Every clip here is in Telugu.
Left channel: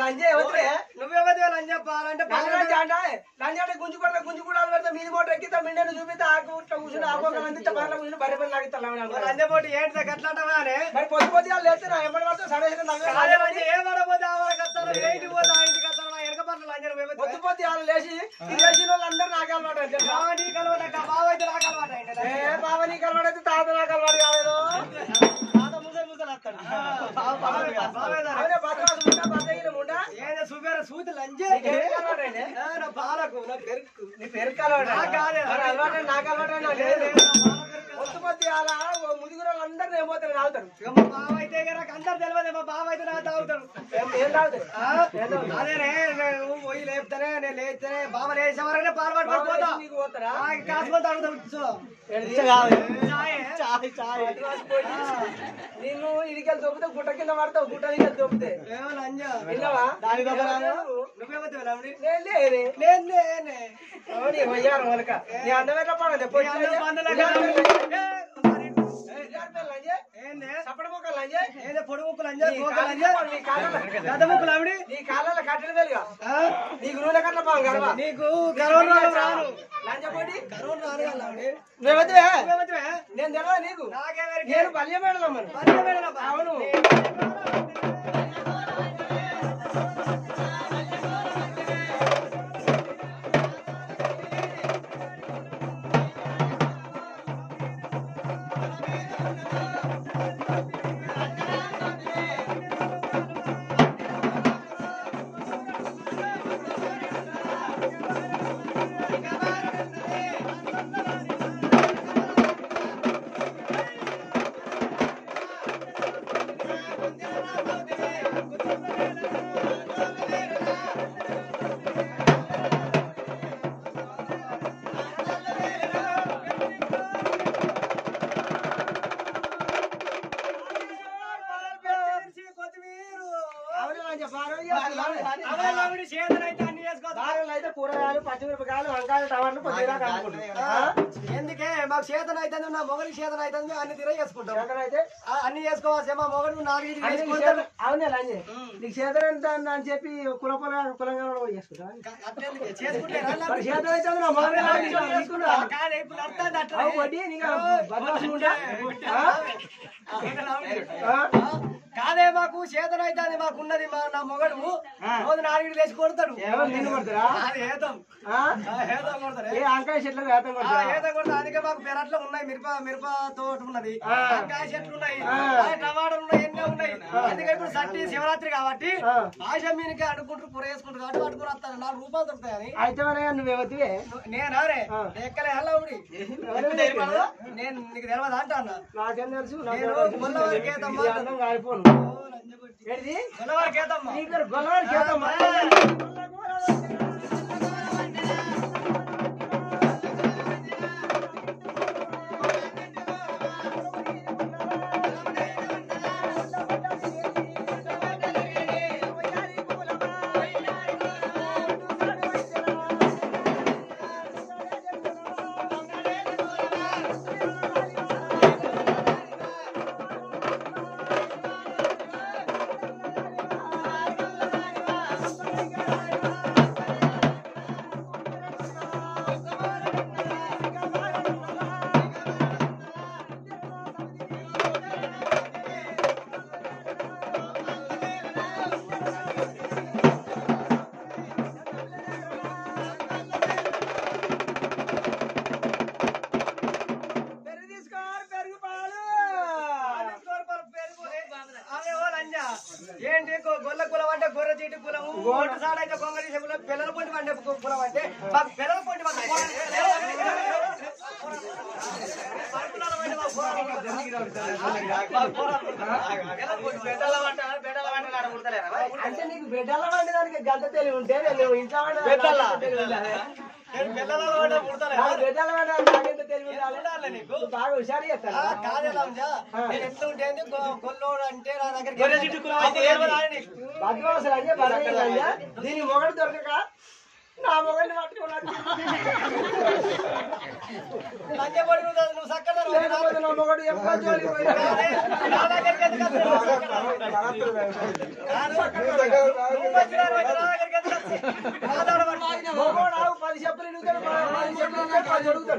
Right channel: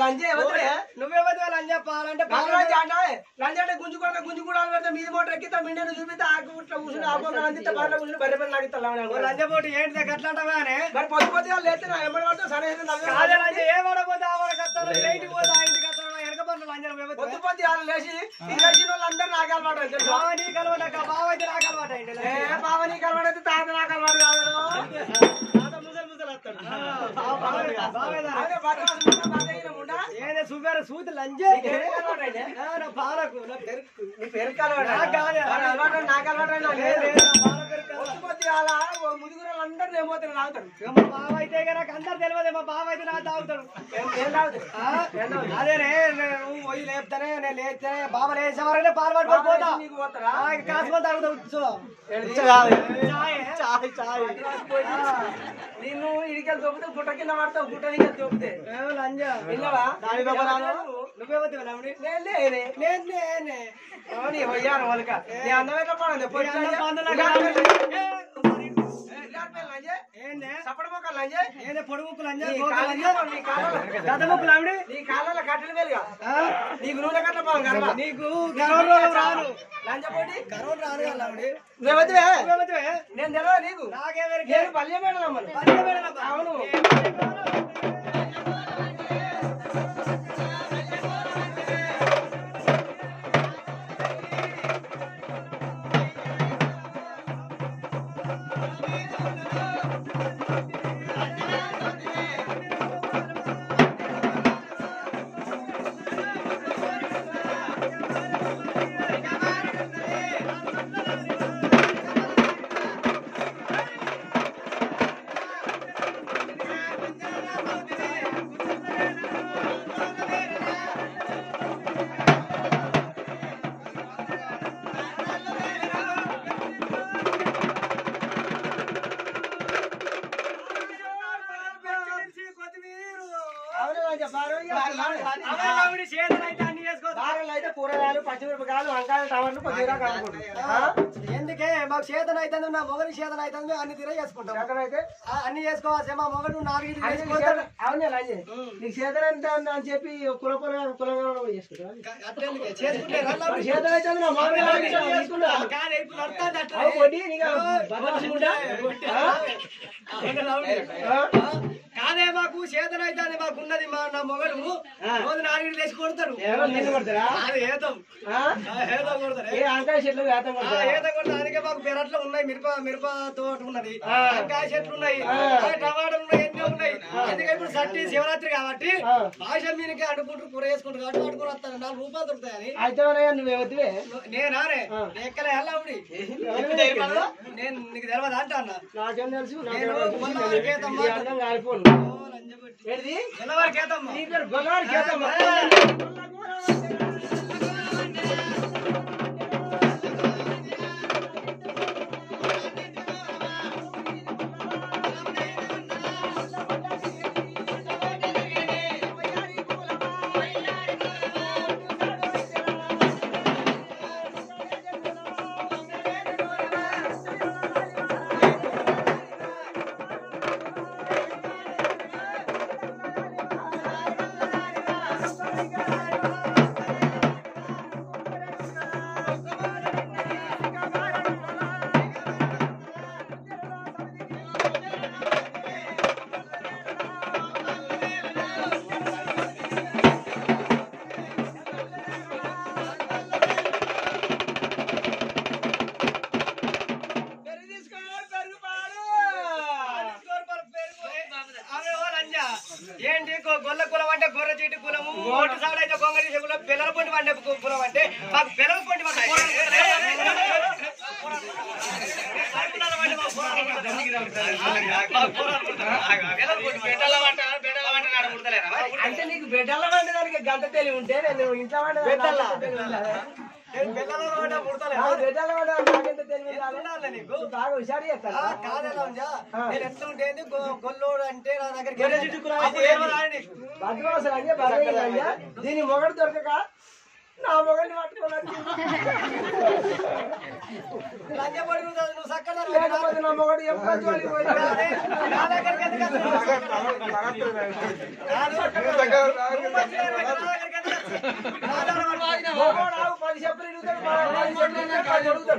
లంజే నువ్వే లంజ పాలంటే లంజ గుంజు కొడితే గుంజు కూడా పెడితే మీది మోటార్ ఎక్కితే మిండను చూపితే ఆకు కూర్చుని ఆకు అందితే బయట కూర్చుని బయట బయట లాగిస్తా లంజ పోటీ ఏంటి గట్లాంటవానే మరి పొద్దు పొద్దు లేచి ఎంబడి పడితే సమయం ఏమడపోతే ఇంటికి పోతే ఆ ఇంటికి వెనక పట్ల లంజన పొద్దు పొద్దు వాళ్ళు లేచి లేచిన వాళ్ళందరూ నాకు అలవాటు నీకు అలవాటు బావ అయితే నాకు అలవాటు బావ నీకు అలవాటు అయితే తాత నాకు అలవాటు కాదు తాత ముసలి ముసలి వస్తాడు చూపారు సూతి లంజే పాలకు నీ పెరుకు అలవాటు నాకు అలవాటు పొద్దు అలా ముదుగురు అందరూ ఏమవుతారు తాగుతారు మా బావ అయితే నాకు అందరు తెలియదు మా బావ అయితే నాకు తాగుతాడు అదేనే నువ్వు పోయి లేపుతానే నేను లేపుతానే బావ లేచే వరకునే పాలు పట్టుకోతా నీకు పోతారా కాసుకొని తాగుతావు నిన్ను ఇడికెళ్ళి దొబ్బితే గుట్ట కింద పడతావు గుట్ట నీకు దొబ్బితే వయ్యారు వాళ్ళక నీ అందమైన పడండి నీ కాళ్ళ కట్టెలు వేలుగా నీకు నూనె కట్ల పోగా నీకు రాను లంజపోటి నేను తెలియదు నీకు నేను పల్లె మేడలమ్మను అవును కూరగాయలు పచ్చిమిరపకాయలు రకాలు వంకాయలు టమాటాలు కొద్ది రకాలు ఎందుకే మాకు చేతన అయితే నా మొగలి చేతన అయితే అన్ని తిరగ చేసుకుంటాం చేతనైతే అన్ని చేసుకోవచ్చు మా మొగలు నాలుగు అవునే లంజే నీకు చేతనంత అని చెప్పి కులపొల కులంగా చేసుకుంటా చేసుకుంటే చేతన అయితే నా కాదే మాకు చేతన అయితే మాకు ఉన్నది నా మొగలు రోజు నాలుగు లేచి కొడతాడు కొడతారా వంకాయ చెట్లు అందుకే మాకు పెరట్లో ఉన్నాయి మిరప తోట ఉన్నది వంకాయ చెట్లు ఉన్నాయి టమాటాలు ఉన్నాయి ఎన్నో ఉన్నాయి అందుకే ఇప్పుడు సట్టి శివరాత్రి కాబట్టి భాష మీదకి అడుకుంటూ కూర వేసుకుంటారు కాబట్టి అడుగుని వస్తాను 4 రూపాయలు దొరుకుతాయని అయితే నువ్వేవద్దువే నేనానే ఎక్కడ వెళ్ళవుడి నేను నీకు తెలియదు అంటా అన్న నాకేం తెలుసు అన్నం కాలిపోను గొల్లవారి కేతమ్మ ఏంటి గొల్ల కులం అంటే గొర్రె చీటి కులము ఓటు సాడు అయితే కొంగడి కులం పిల్లల పొంటి పండే కులం అంటే మాకు పిల్లల పొంటి అంటే నీకు బిడ్డల వంటి దానికి గంట తెలివి ఉంటే నేను ఇంట్లో బాగా హుషారు చేస్తాను గొల్లోడు అంటే నా దగ్గర బద్మాసులు అంటే బలయ్యా దీని మొగడు దొరకక నా మొగడిని పట్టుకోవాలి నువ్వు సక్కగా నా మొగడు ఎప్పుడు జోలికి మొగోడు 10 చెప్పులు ఇడుగుతాడు 10 చెప్పులు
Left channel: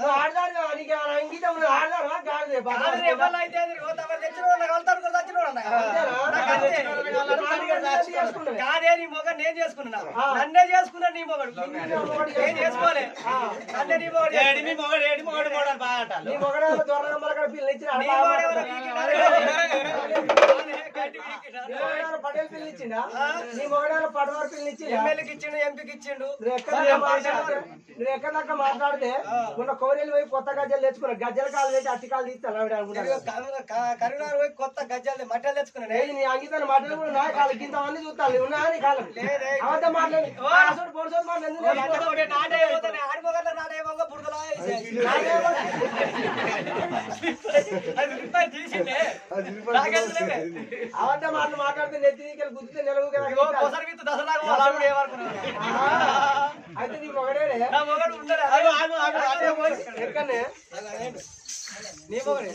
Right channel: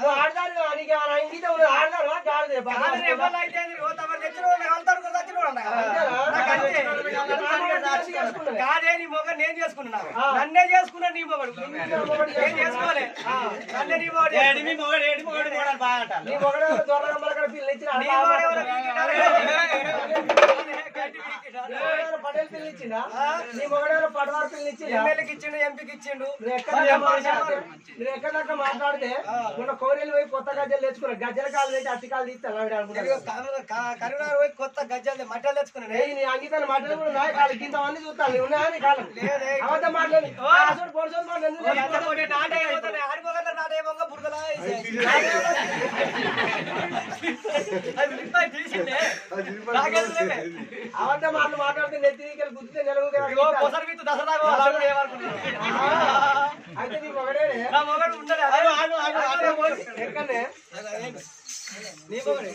నువ్వు ఆడదాడు నీకేమైనా ఇంగితే ఆడదాడు గాడిదే కాదే నీ మొగ నేను చేసుకున్నా నన్నే చేసుకున్నా నీ మొగడు నేను చేసుకోలే నన్నే నీ మొగడు నీ మొగడు దొరకడ పిల్లలు ఇచ్చిన పటేల్ పిల్లలు ఇచ్చిందా నీ మొగడు పటవారు పిల్లలు ఇచ్చింది ఎమ్మెల్యేకి ఇచ్చిండు ఎంపీకి ఇచ్చిండు నువ్వు ఎక్కడ దాకా మాట్లాడితే మొన్న కోరేలు పోయి కొత్త గజ్జలు తెచ్చుకున్నా గజ్జల కాలు పెట్టి అట్టి కాలు తీస్తాను కరీంనగర్ పోయి కొత్త గజ్జలు మట్టలు తెచ్చుకున్నాను నీ అంగితాన్ని మట్టలు కూడా ఉన్నాయి కాలు ఇంతమంది చూస్తాను ఉన్నాయని కాలం అవద్ద మాట్లాడి అవద్ద మాటలు మాట్లాడితే నెత్తి గుర్తితే నిలవు అయితే నీ మొగడే ఎక్కడనే నీ మొగడే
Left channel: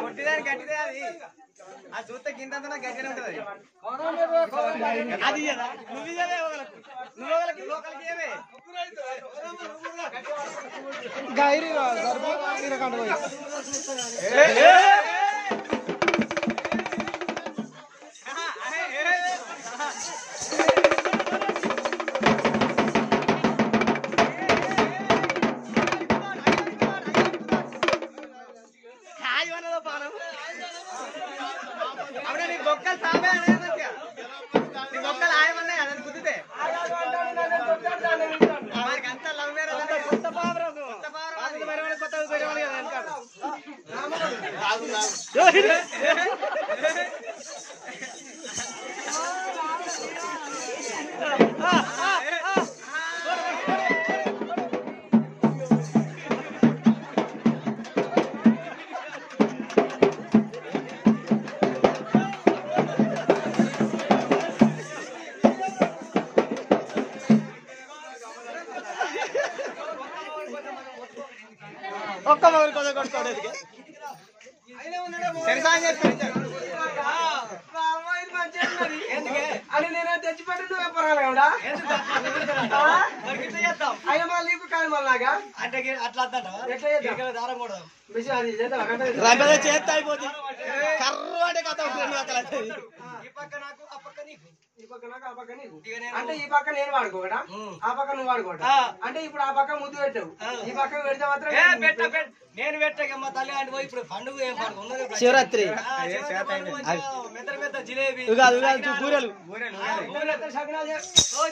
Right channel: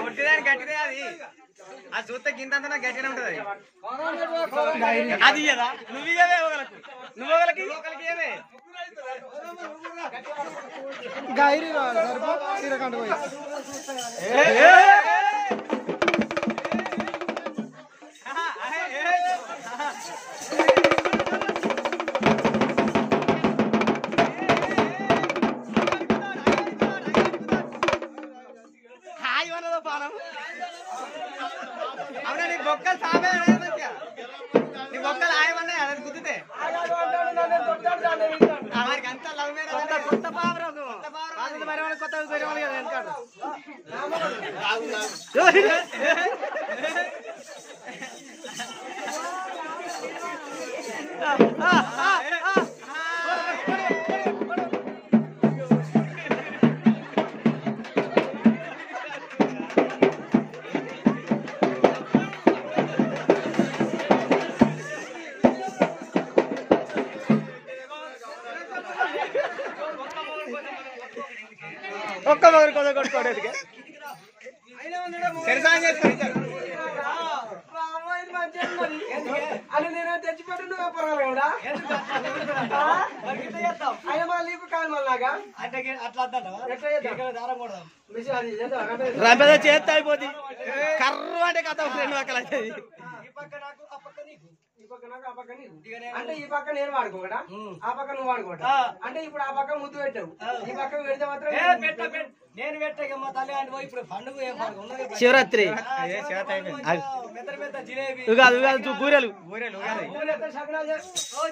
కొట్టిదాని గట్టిదే అది ఆ చూస్తే గింత గట్టిగా ఉంటది అది నువ్వు గైరీ తీరకంట పోయి కొత్త ఒక్క మొగలు కొద్ది కొట్టుకోవడానికి అని నేను తెచ్చిపెట్టి నువ్వే పొరగాలి కదా అయ్యా మళ్ళీ నీకు కాదు మళ్ళీ నాగా అట్లా దారం కూడా చేస్తే అయిపోతుంది కర్ర అంటే కథ ఈ పక్క నాకు ఆ పక్క నీకు ఈ పక్క నాకు ఆ పక్క నీకు అంటే ఈ పక్క నేను వాడుకోవడా ఆ పక్క నువ్వు వాడుకోవడా అంటే ఇప్పుడు ఆ పక్క ముద్దు పెట్టావు ఈ పక్క పెడితే మాత్రం నేను పెట్టాక తల్లి అంటే పోయి ఇప్పుడు పండుగ ఏం పండుగ ఉన్నది శివరాత్రి పెద్ద పెద్ద జిలేబీ బూరెలు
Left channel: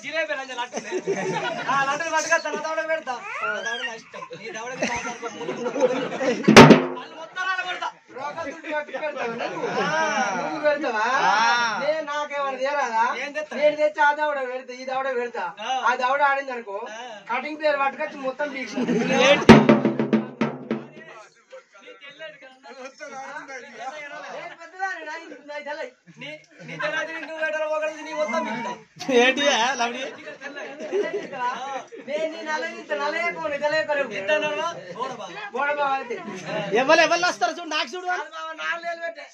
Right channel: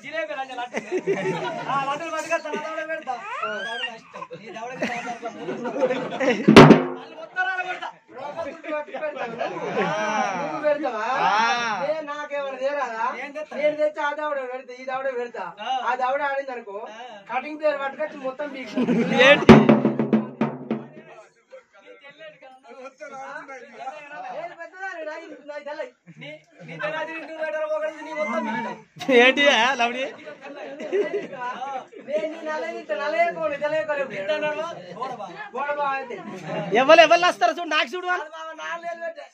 జిలేబీ లడ్డలు పట్టుగా తన దవడ పెడతా ఇష్టం ఈ దవడకి నాకేమన్నా తీరాదా నేను తెచ్చి ఆ దవడ పెడతా ఈ దవడ పెడతా ఆ దవడ ఆడింది అనుకో కటింగ్ పేరు పట్టుకొచ్చి మొత్తం ఏంటి ఎవరు వస్తారు చూడు నాకు చూడు 4 నెలలు పెట్టే